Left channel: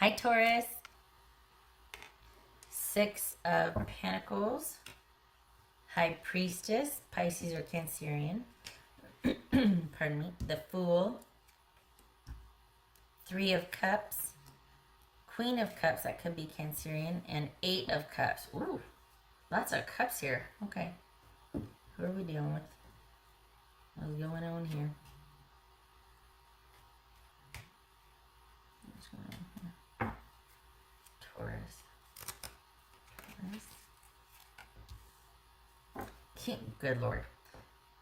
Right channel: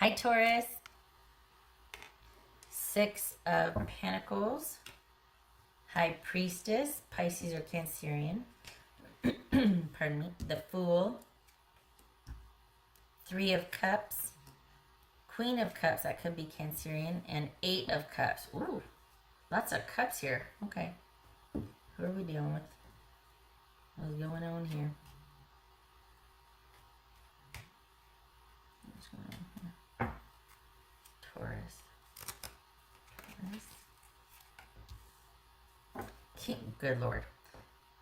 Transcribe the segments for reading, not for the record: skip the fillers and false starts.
Hi, Taurus. Six of Pentacles. High Priestess, Pisces or Cancerian. Pardon me. The Fool. Three of Cups. Queen of Cups, that could be Cancerian. And Eight of Cups. Ooh, lots of cups here. Okay. Who are we dealing with? What's going on here? Taurus. King, good Lord.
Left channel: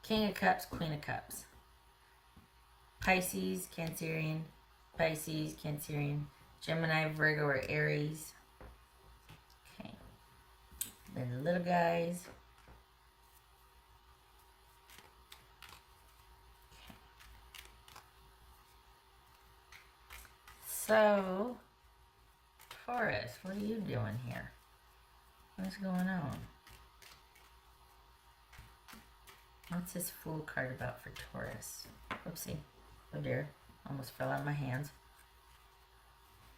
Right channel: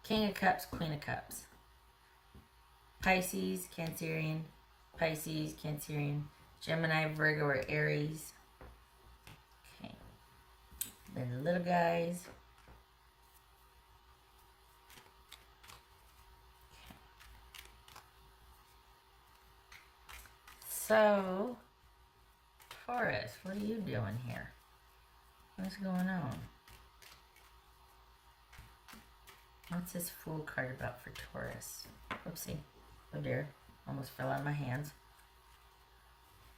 King of Cups, Queen of Cups. Pisces, Cancerian, Pisces, Cancerian, Gemini, Virgo, or Aries. Okay. Then the little guys. Okay. So, Taurus, what are you doing here? What's going on? What's this Fool card about for Taurus? Oopsie. Oh dear. Almost fell out of my hands.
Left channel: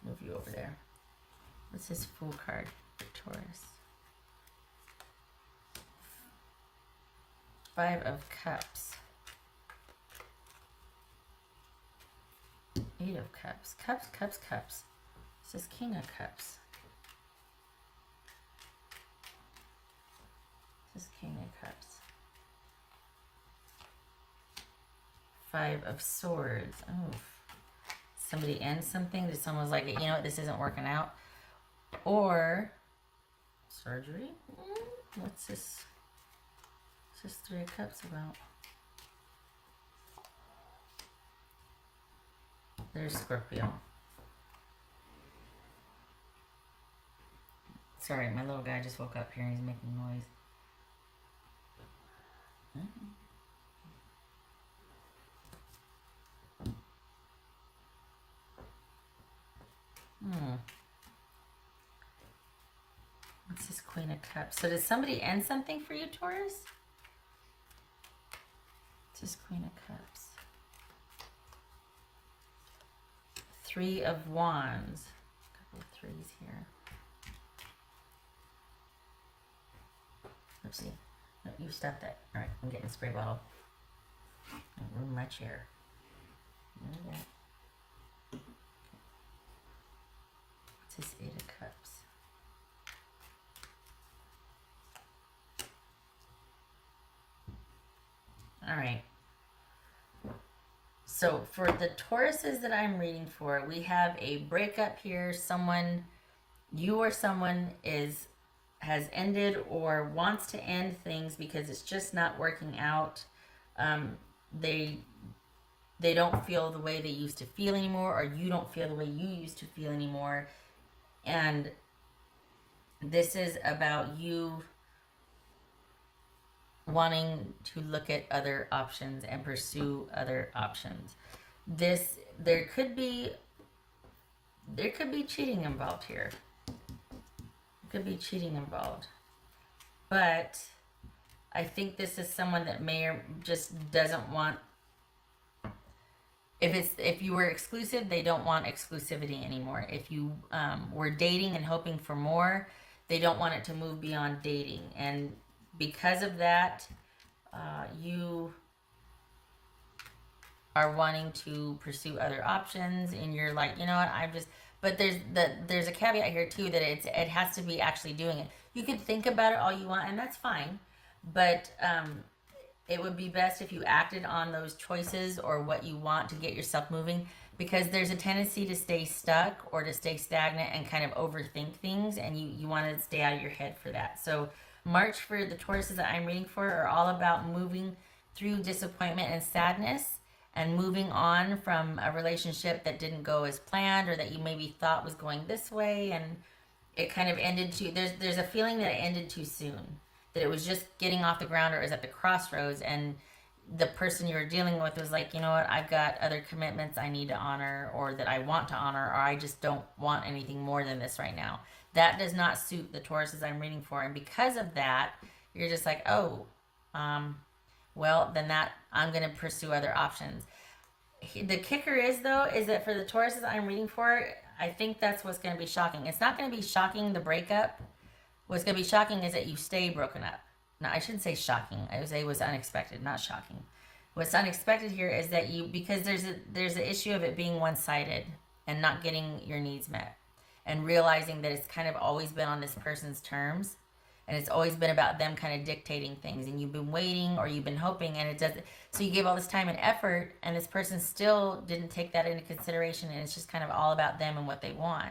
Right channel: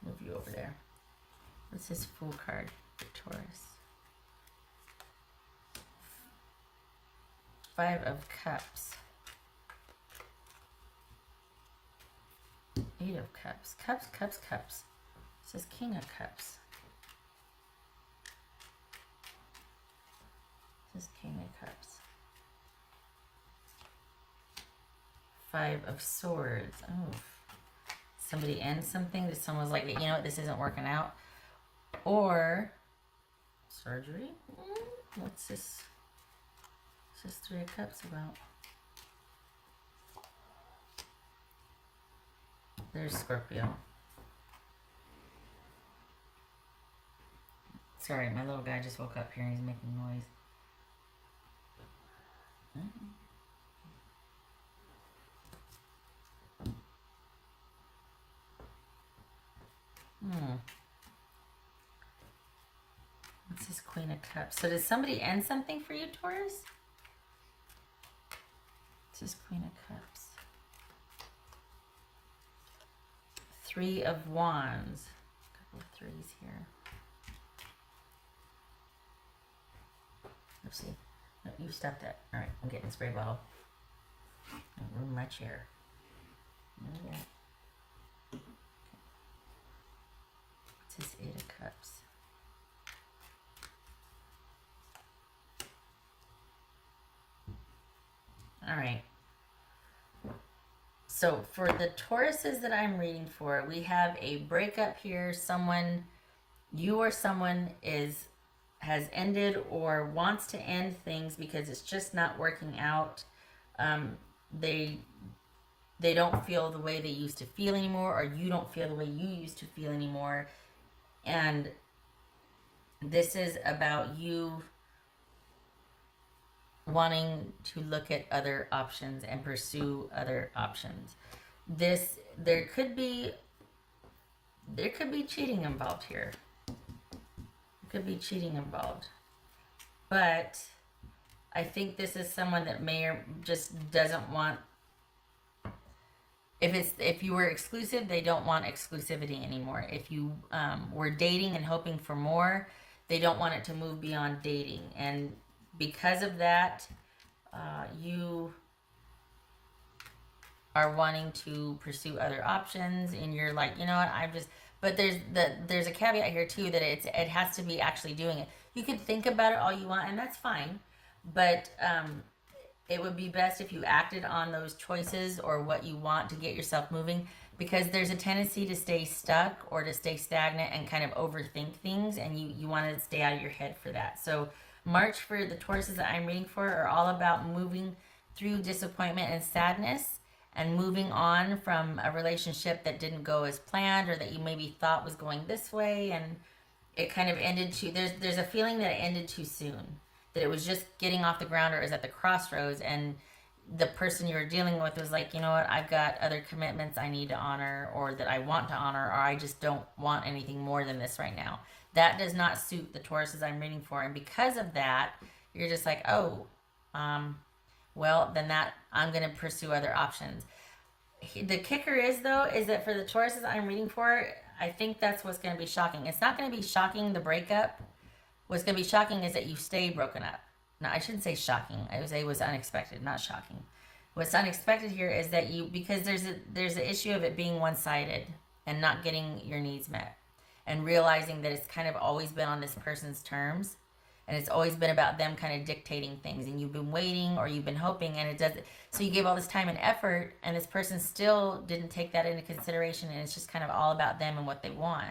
Move you over there. What's this Fool card for Taurus? Five of Cups. Eight of Cups. Cups, Cups, Cups. This is King of Cups. This is King of Cups. Five of Swords. Oh, somebody ends something. Someone's like, you know what, this isn't working out. Or surgery. What's this? What's this Three of Cups about? There's Scorpio. Sorry, my little guy just woke up here and he's making noise. Huh? What's this Queen of Cups? So does somebody end something for you, Taurus? What's this Queen of Cups? Three of Wands. A couple of threes here. Oopsie. No, you stopped that. Alright, I'm getting a spray bottle. I'll ruin my chair. What's this Eight of Cups? Alright. So for the Tauruses that I'm reading for, we have a breakup here. Someone, you or someone has ended or wants to end things because it's just not working out. They don't feel the way they used to feel anymore, or you don't feel the way you used to feel anymore. And this is about you wanting to look at other options and pursue other options. There could be cheating involved here. There could be cheating involved. But I think this is someone that may or just doesn't want, if you were exclusive, they don't want exclusivity anymore. If you were dating and hoping for more, they don't want it to move beyond dating. And because of that, you are wanting to pursue other options, and you're like, you know what, but there's a caveat here too, that it has to be actually doing it. You can think about it all you want, and that's fine, but it would be best if you acted on those choices or what you want to get yourself moving, because there's a tendency to stay stuck or to stay stagnant and kind of overthink things, and you want to stay out of your head for that. So March for the Tauruses that I'm reading for are all about moving through disappointment and sadness and moving on from a relationship that didn't go as planned, or that you maybe thought was going this way and it kind of ended too. There's a feeling that it ended too soon, that it was just getting off the ground, or it was at the crossroads, and the person you were dealing with was like, you know what, I've got other commitments I need to honor, or that I want to honor, or I just don't want anything more than this right now. That does not suit the Tauruses I'm reading for, and because of that, you're just like, oh, well, then I'm going to pursue other options. The kicker is, though, is that for the Tauruses I'm reading for, I think that's what's going to be shocking. It's not going to be shocking, the breakup. What's going to be shocking is that you stay broken up. No, I shouldn't say shocking. I would say it was unexpected, not shocking. What's unexpected here is that because there's an issue of it being one-sided and not getting your needs met, and realizing that it's kind of always been on this person's terms, and it's always been about them kind of dictating things, and you've been waiting or you've been hoping, and it doesn't. So you gave all this time and effort, and this person still didn't take that into consideration, and it's just kind of all about them and what they want.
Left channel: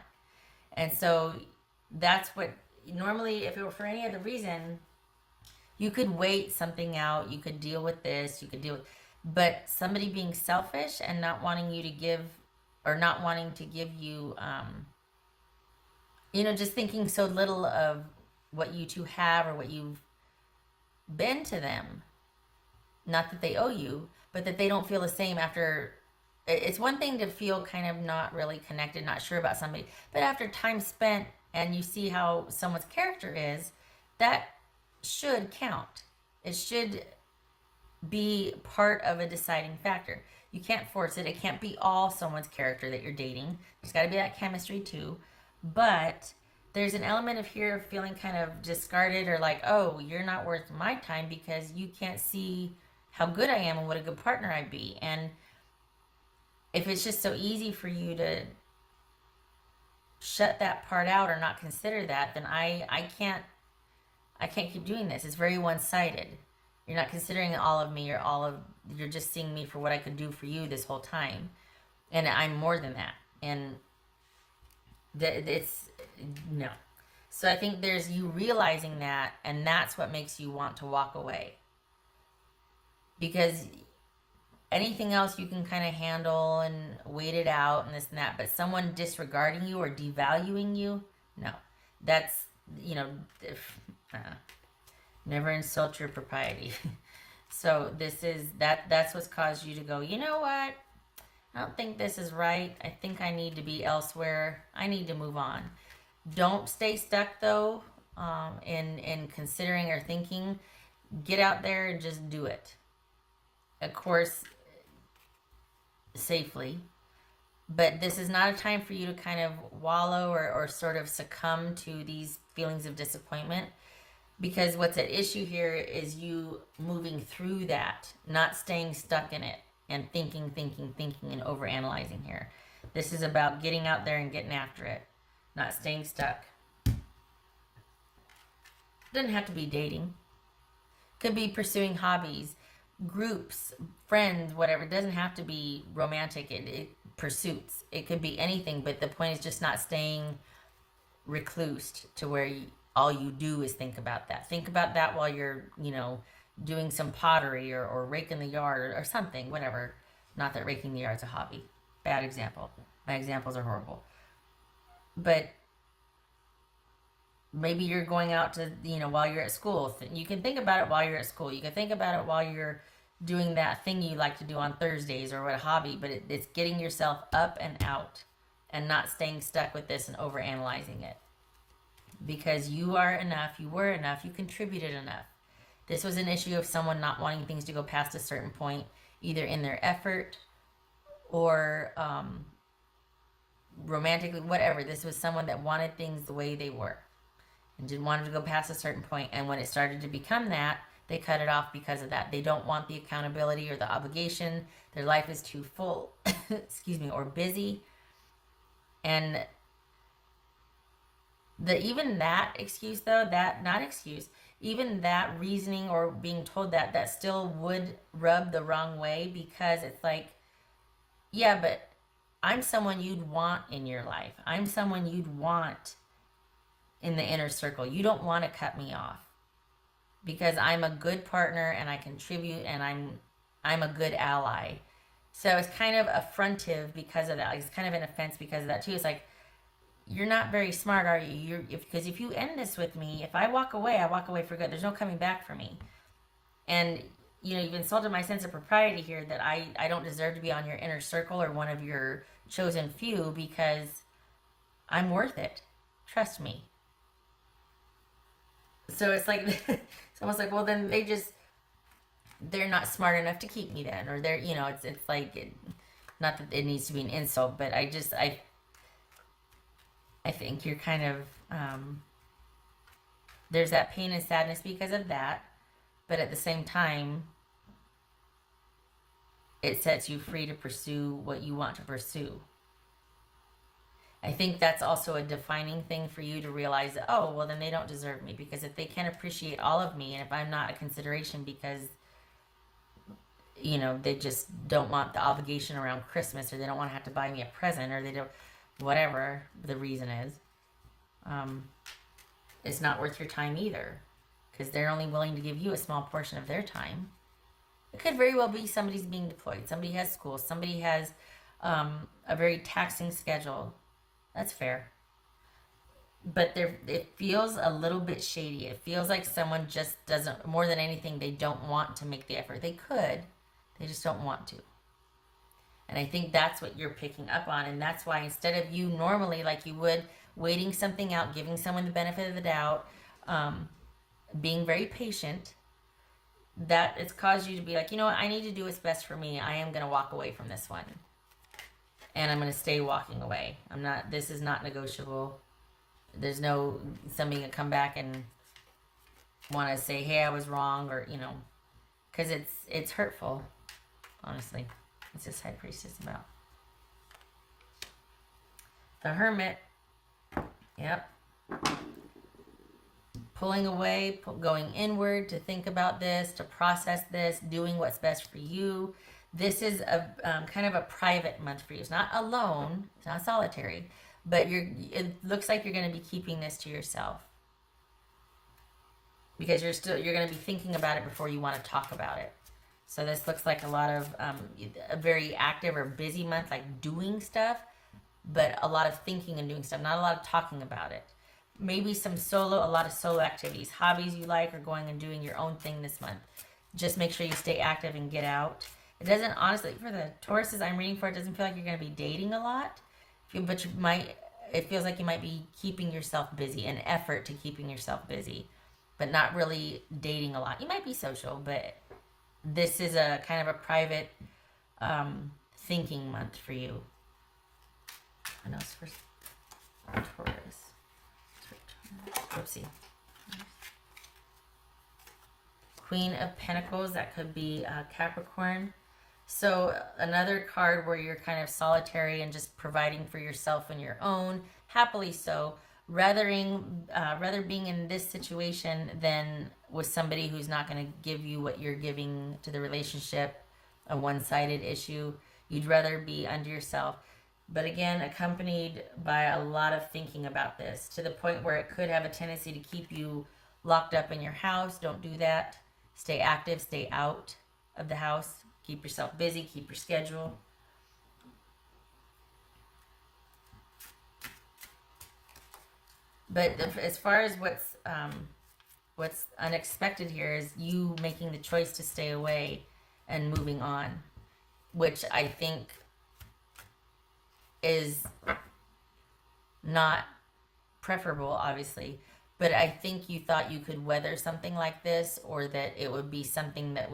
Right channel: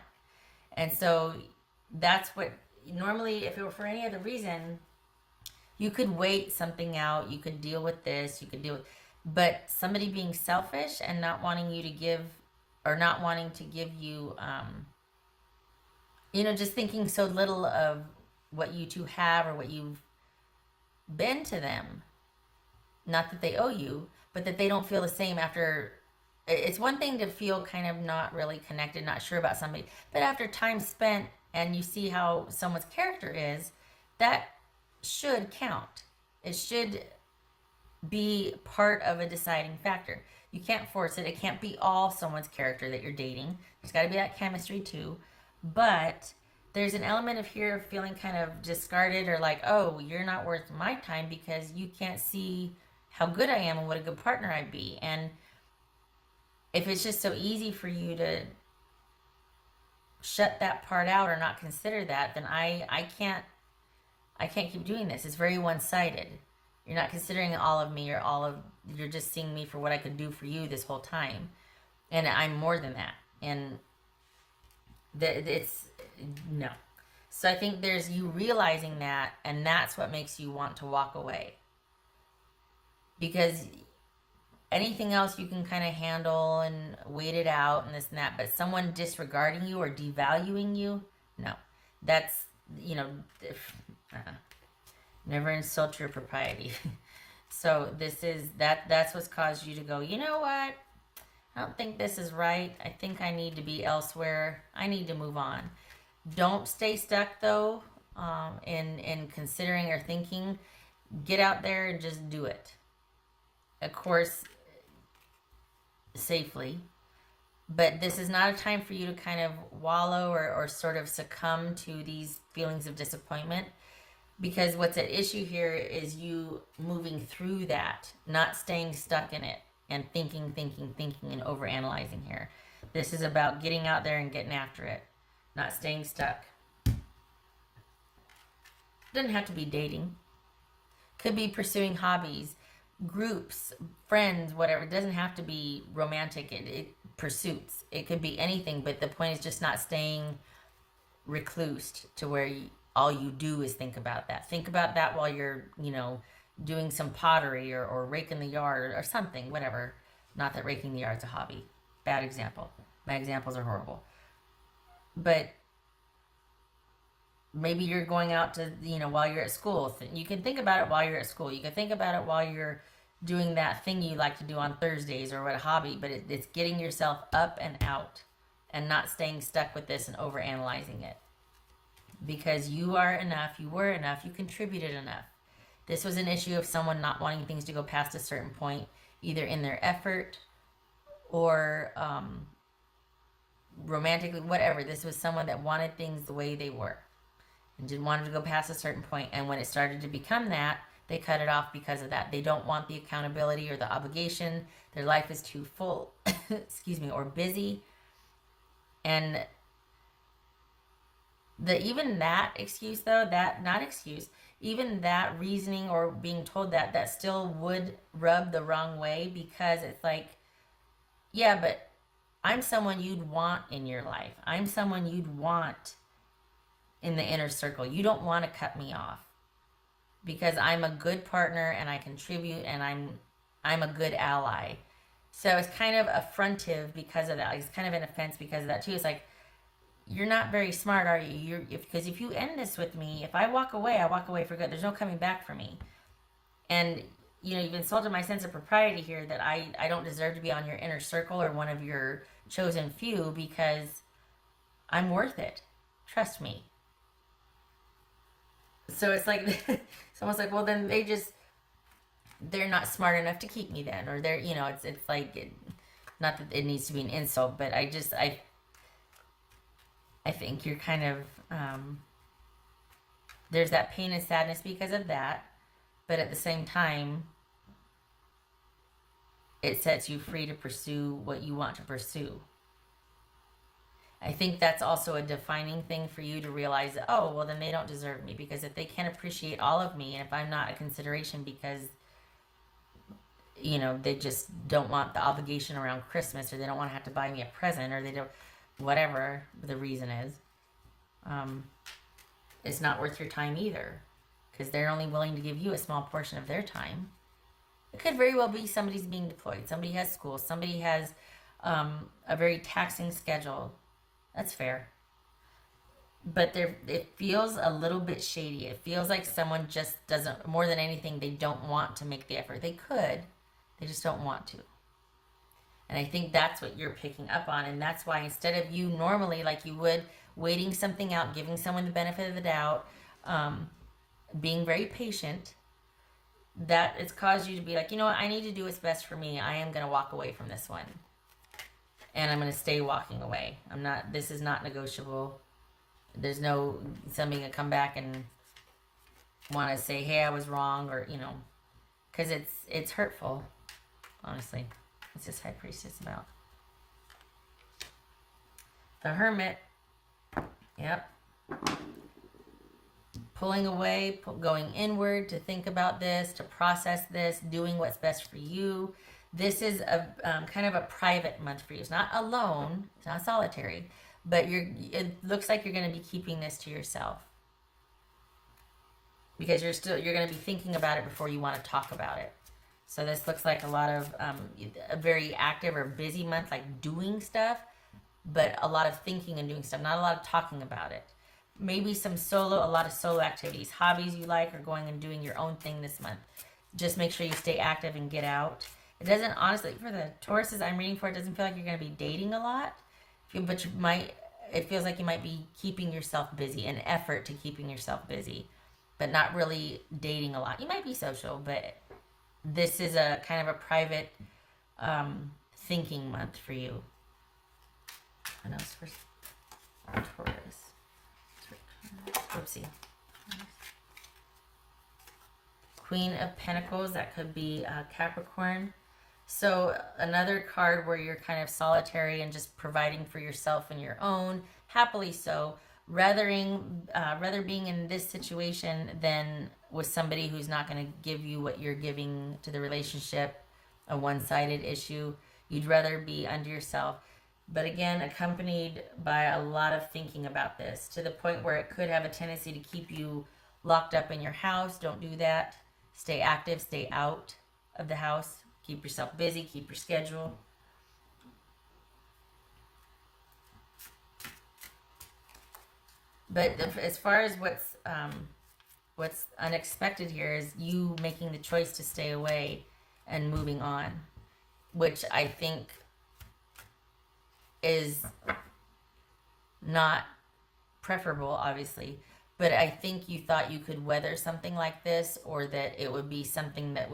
And so that's what normally, if it were for any other reason, you could wait something out, you could deal with this, you could deal with, but somebody being selfish and not wanting you to give, or not wanting to give you, just thinking so little of what you two have or what you've been to them. Not that they owe you, but that they don't feel the same after. It's one thing to feel kind of not really connected, not sure about somebody, but after time spent and you see how someone's character is, that should count. It should be part of a deciding factor. You can't force it. It can't be all someone's character that you're dating. There's got to be that chemistry too. But there's an element of here of feeling kind of discarded, or like, oh, you're not worth my time because you can't see how good I am and what a good partner I'd be. And if it's just so easy for you to shut that part out or not consider that, then I can't keep doing this. It's very one-sided. You're not considering all of me, or you're just seeing me for what I could do for you this whole time. And I'm more than that. And it's no. So I think there's you realizing that, and that's what makes you want to walk away. Because anything else you can kind of handle and wait it out and this and that, but someone disregarding you or devaluing you, no. That's, never insult your propriety. So that's what's caused you to go, you know what? I don't think this is right. I think I need to be elsewhere. I need to move on. Don't stay stuck though, in considering or thinking. Get out there and just do it. Of course, safely. But this is not a time for you to kind of wallow or sort of succumb to these feelings of disappointment. Because what's at issue here is you moving through that, not staying stuck in it and thinking and overanalyzing here. This is about getting out there and getting after it, not staying stuck. It doesn't have to be dating. Could be pursuing hobbies, groups, friends, whatever. It doesn't have to be romantic pursuits. It could be anything, but the point is just not staying reclused to where all you do is think about that. Think about that while you're, doing some pottery or raking the yard or something, whatever. Not that raking the yard's a hobby. Bad example. Bad examples are horrible. But maybe you're going out to, while you're at school. You can think about it while you're at school. You can think about it while you're doing that thing you like to do on Thursdays or what a hobby. But it's getting yourself up and out and not staying stuck with this and overanalyzing it. Because you are enough, you were enough, you contributed enough. This was an issue of someone not wanting things to go past a certain point, either in their effort or romantically, whatever. This was someone that wanted things the way they were and didn't want them to go past a certain point. And when it started to become that, they cut it off because of that. They don't want the accountability or the obligation. Their life is too full, or busy. And even that excuse, though, even that reasoning or being told that still would rub the wrong way, because it's like, yeah, but I'm someone you'd want in your life. I'm someone you'd want in the inner circle. You don't want to cut me off because I'm a good partner and I contribute and I'm a good ally. So it's kind of affrontive because of that. It's kind of an offense because of that too. It's like, you're not very smart, are you? Because if you end this with me, if I walk away for good. There's no coming back for me. And, you've insulted my sense of propriety here that I don't deserve to be on your inner circle or one of your chosen few because I'm worth it. Trust me. So it's like, it's almost like, well, then they're not smart enough to keep me then. Or they're, it's like, not that it needs to be an insult, but I think you're kind of, there's that pain and sadness because of that. But at the same time, it sets you free to pursue what you want to pursue. I think that's also a defining thing for you to realize that, oh, well, then they don't deserve me, because if they can appreciate all of me, and if I'm not a consideration because, you know, they just don't want the obligation around Christmas, or they don't want to have to buy me a present, or they don't, whatever the reason is, it's not worth your time either, because they're only willing to give you a small portion of their time. It could very well be somebody's being deployed, somebody has school, somebody has a very taxing schedule. That's fair. But it feels a little bit shady. It feels like someone just doesn't, more than anything, they don't want to make the effort. They could, they just don't want to. And I think that's what you're picking up on. And that's why instead of you normally, like you would, waiting something out, giving someone the benefit of the doubt, being very patient, that it's caused you to be like, you know what, I need to do what's best for me. I am going to walk away from this one. And I'm going to stay walking away. This is not negotiable. There's no, somebody to come back and want to say, hey, I was wrong, or, you know, because it's hurtful, honestly. What's this High Priestess about? The Hermit. Yep. Pulling away, going inward to think about this, to process this, doing what's best for you. This is a kind of a private month for you. It's not alone. It's not solitary. But it looks like you're going to be keeping this to yourself. Because you're going to be thinking about it before you want to talk about it. So this looks like a lot of a very active or busy month, like doing stuff. But a lot of thinking and doing stuff. Not a lot of talking about it. Maybe a lot of solo activities. Hobbies you like, or going and doing your own thing this month. Just make sure you stay active and get out. It doesn't, honestly, for the Tauruses I'm reading for, it doesn't feel like you're going to be dating a lot. But it feels like you might be keeping yourself busy, an effort to keeping yourself busy, but not really dating a lot. You might be social, but this is a kind of a private thinking month for you. What else for Taurus? Oopsie. Queen of Pentacles, that could be Capricorn. So another card where you're kind of solitary and just providing for yourself and your own, happily so, rather being in this situation than with somebody who's not going to give you what you're giving to the relationship, a one-sided issue. You'd rather be unto yourself. But again, accompanied by a lot of thinking about this, to the point where it could have a tendency to keep you locked up in your house. Don't do that. Stay active, stay out of the house. Keep yourself busy, keep your schedule. But as far as what's unexpected here is you making the choice to stay away and moving on, which I think is not preferable, obviously, but I think you thought you could weather something like this, or that it would be something that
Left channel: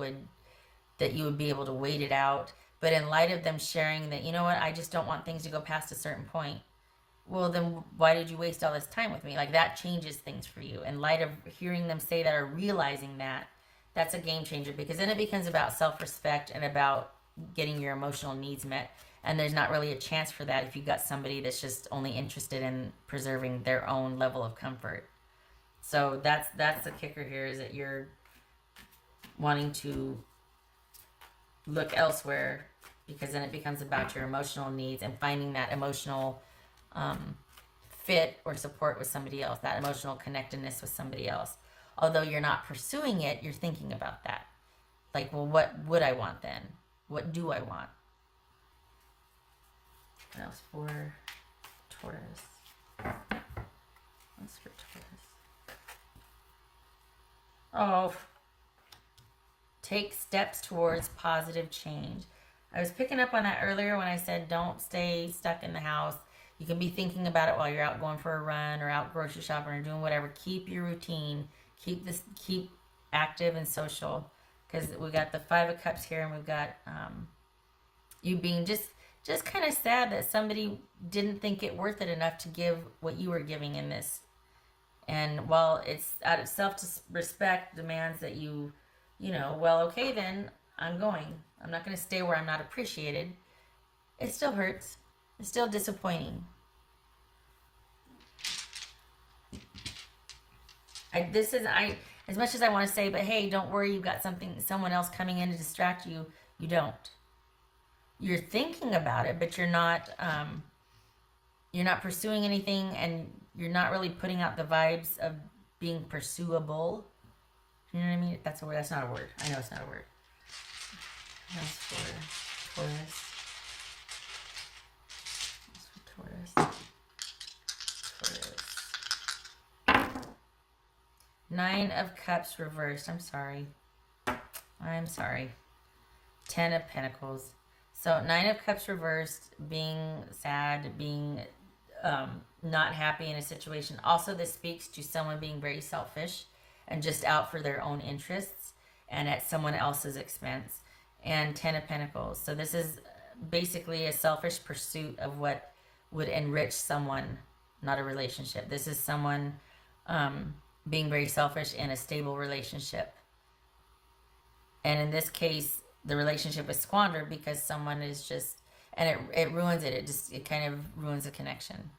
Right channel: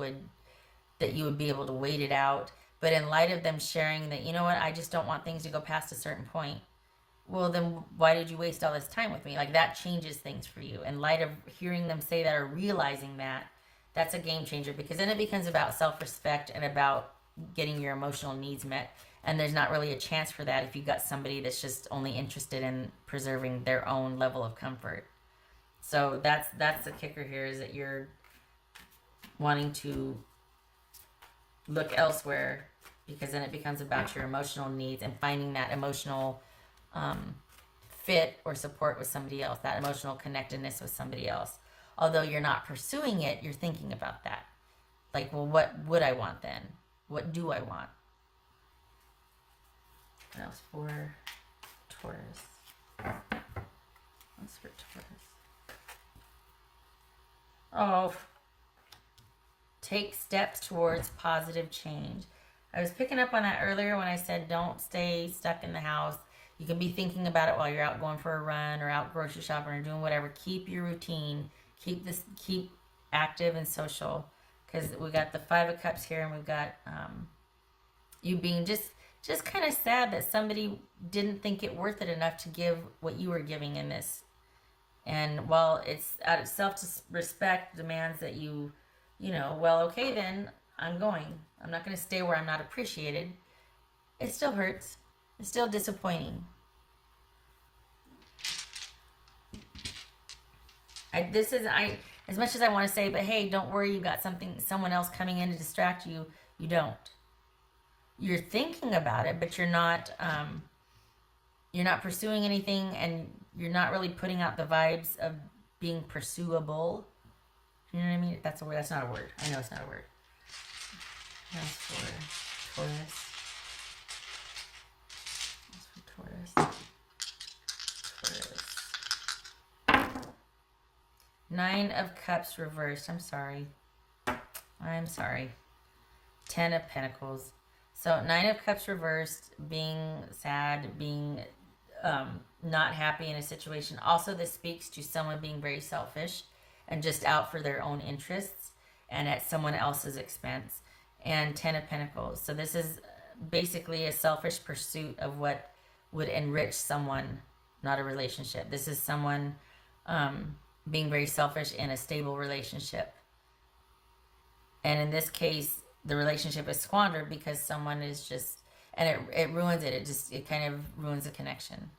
you would be able to wait it out. But in light of them sharing that, you know what, I just don't want things to go past a certain point. Well, then why did you waste all this time with me? Like, that changes things for you. In light of hearing them say that, or realizing that, that's a game changer, because then it becomes about self-respect and about getting your emotional needs met. And there's not really a chance for that if you've got somebody that's just only interested in preserving their own level of comfort. So that's the kicker here, is that you're wanting to look elsewhere, because then it becomes about your emotional needs and finding that emotional fit or support with somebody else, that emotional connectedness with somebody else. Although you're not pursuing it, you're thinking about that. Like, well, what would I want then? What do I want? What else for Taurus? What's for Taurus? Oh, take steps towards positive change. I was picking up on that earlier when I said don't stay stuck in the house. You can be thinking about it while you're out going for a run, or out grocery shopping, or doing whatever. Keep your routine. Keep active and social, because we got the 5 of Cups here, and we've got you being just just kind of sad that somebody didn't think it worth it enough to give what you were giving in this. And while it's out of self-respect demands that you know, well, okay, then I'm going. I'm not going to stay where I'm not appreciated. It still hurts. It's still disappointing. As much as I want to say, but hey, don't worry, you've got someone else coming in to distract you. You don't. You're thinking about it, but you're not pursuing anything, and you're not really putting out the vibes of being pursuable. You know what I mean? That's a word. That's not a word. I know it's not a word. That's for Taurus. Nine of Cups reversed. I'm sorry. 10 of Pentacles. So 9 of Cups reversed, being sad, being not happy in a situation. Also, this speaks to someone being very selfish and just out for their own interests and at someone else's expense. And 10 of Pentacles. So this is basically a selfish pursuit of what would enrich someone, not a relationship. This is someone being very selfish in a stable relationship. And in this case, the relationship is squandered because someone is just, and it ruins it. It kind of ruins the connection.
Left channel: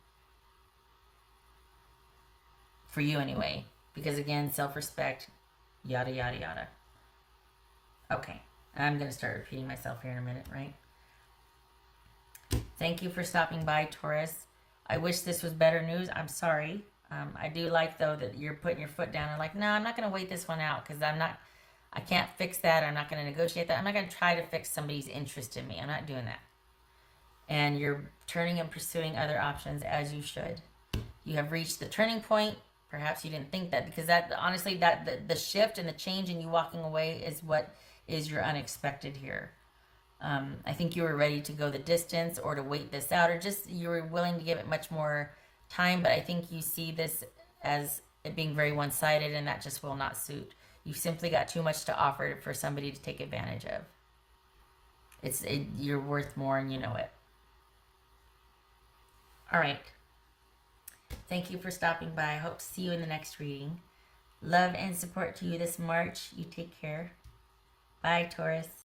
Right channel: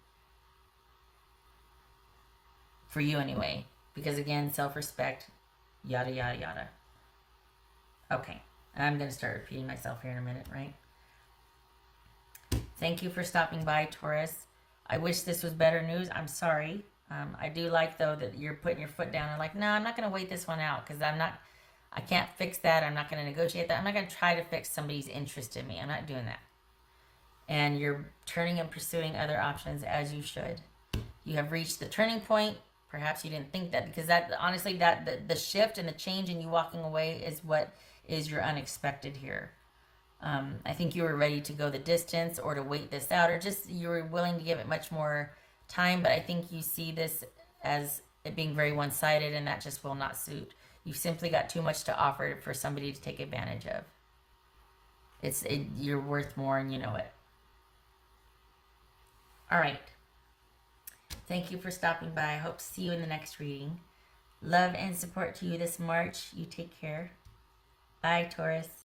For you anyway. Because again, self-respect, yada, yada, yada. Okay. I'm going to start repeating myself here in a minute, right? Thank you for stopping by, Taurus. I wish this was better news. I'm sorry. I do like, though, that you're putting your foot down. You're like, no, I'm not going to wait this one out because I can't fix that. I'm not going to negotiate that. I'm not going to try to fix somebody's interest in me. I'm not doing that. And you're turning and pursuing other options as you should. You have reached the turning point. Perhaps you didn't think that because that, honestly, that the shift and the change and you walking away is what is your unexpected here. I think you were ready to go the distance or to wait this out, or just you were willing to give it much more time, but I think you see this as it being very one-sided, and that just will not suit. You've simply got too much to offer for somebody to take advantage of. You're worth more, and you know it. All right. Thank you for stopping by. I hope to see you in the next reading. Love and support to you this March. You take care. Bye, Taurus.